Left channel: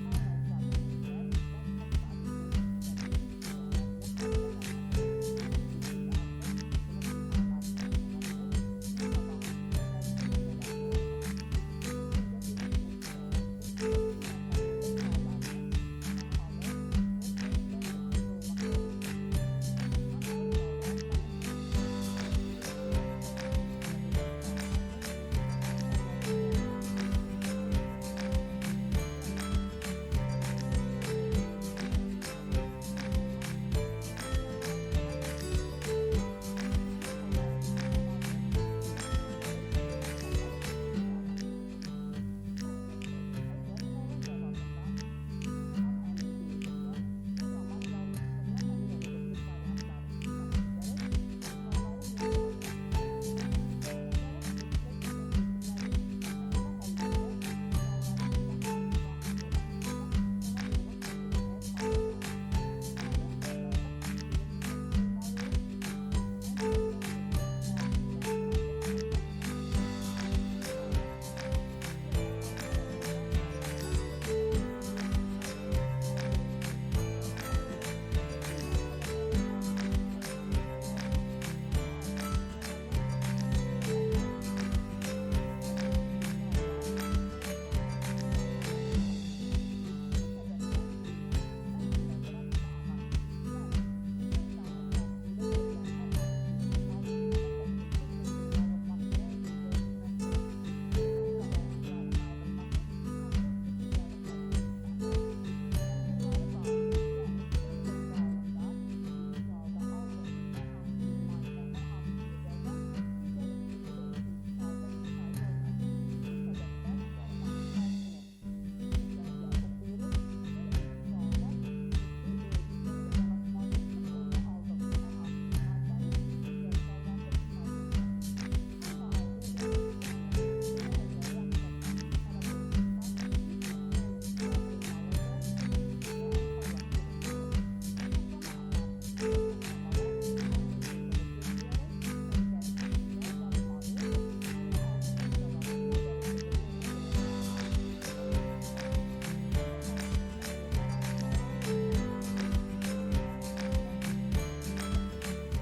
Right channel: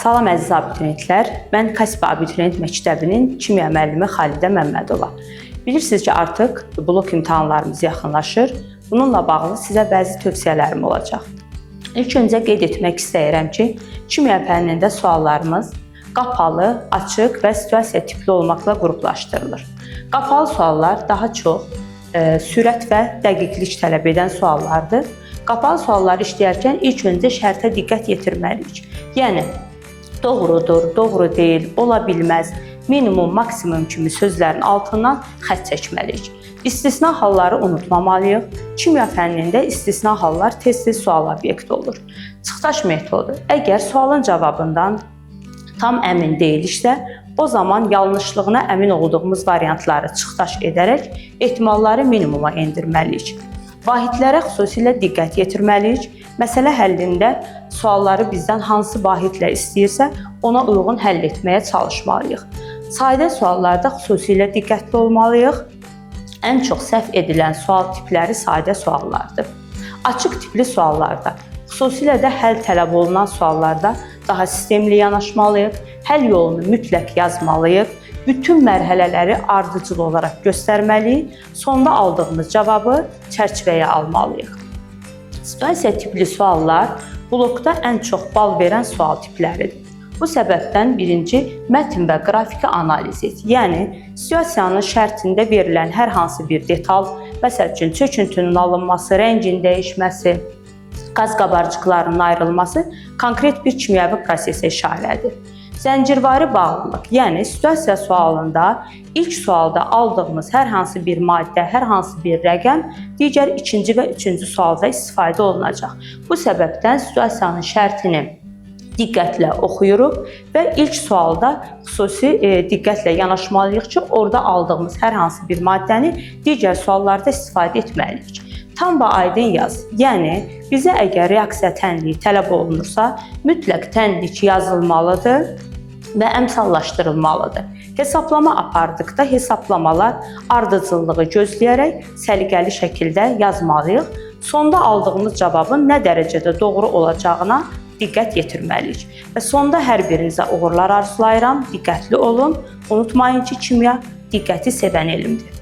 Salam əziz abituriyentlər, mən Kasb Abituriyent Məktəbinin kimya müəllimi Xalidə Məmmədova. Bilirsiniz ki, artıq blok imtahanlarımız yaxınlaşır. Bununla bağlı sizə bəzi tövsiyələrim olacaq. İlk öncə qeyd etmək istəyirəm ki, kimya fənnində suallarımız qapalı, açıq və situasiya tipli olmaqla qruplaşdırılır. Qapalı suallar daha çox sürət və dəqiqlik tələb edən suallardır. Qapalı sualları işləyərkən ilk öncə şərtə diqqət yetirməliyik. Yəni, doğrudur, doğru deyil, ola bilməz, minimum, maksimum kimi sözlərin altından xətt çəkməliyik. İstisna halları unutmamalıyıq. Kimya fənnində istisna hallar tez-tez sual obyekti olur. Çıxdaş metodu. Əgər sualın cavabından tam əmin deyiliksə, o zaman yanlışlığına əmin olduğumuz variantları çıxdaş edərək ehtimalları minimuma endirməliyik. Vahidlərə xüsusilə diqqət yetirməliyik. Məsələ həllində sualları bizdən hansı vahidlə istəyirsə, ona uyğun həll etməyə çalışmalıyıq. Sadə suallarda xüsusilə diqqətli olmalıyıq. Ən çox səhv edilən sual tipləri sadə suallardır. Açıq tipli suallarda, xüsusilə də həll tələb olunan suallarda daha sistemli yanaşmalıyıq. Həll yolunu mütləq yazmalıyıq. Bütün mərhələləri ardıcıl olaraq göstərməliyik. Sonda aldığımız cavabı çərçivəyə almalıyıq. Situasiya tipli suallar blokda ən çox bal verən sual tipləridir. Bu səbəbdən birinci mətn və qrafiki analiz et. Yəni, situasiyanın şərtində verilən hər hansı bir detal, məsəl üçün çöküntünün alınması, rəngin dəyişməsi, qaz qabarcıqlarının ayrılması konkret bir kimyəvi prosesə işarədir. Zəncirvari bağlılıq, yəni situasiya sualında ilk sualda aldığımız hər hansı bir maddə, hər hansı bir rəqəm digər ikinci və üçüncü sualda istifadə olunacaq. Bu səbəbdən situasiyanın şərtini diqqətlə oxuyuruq və ilk sualda xüsusi diqqətlə yanaşmalıyıq ki, orada aldığımız hər hansı bir maddəni digər suallarda istifadə etməliyik. Tam və aydın yaz. Yəni, bizə əgər reaksiya tənliyi tələb olunursa, mütləq tənlik yazılmalıdır və əmsallaşdırılmalıdır. Hesablama apardıqda hesablamalar ardıcıllığı gözləyərək səliqəli şəkildə yazmalıyıq. Sonda aldığımız cavabın nə dərəcədə doğru olacağına diqqət yetirməliyik. Və sonda hər birinizə uğurlar arzulayıram. Diqqətli olun. Unutmayın ki, kimya diqqəti sevən elmdir.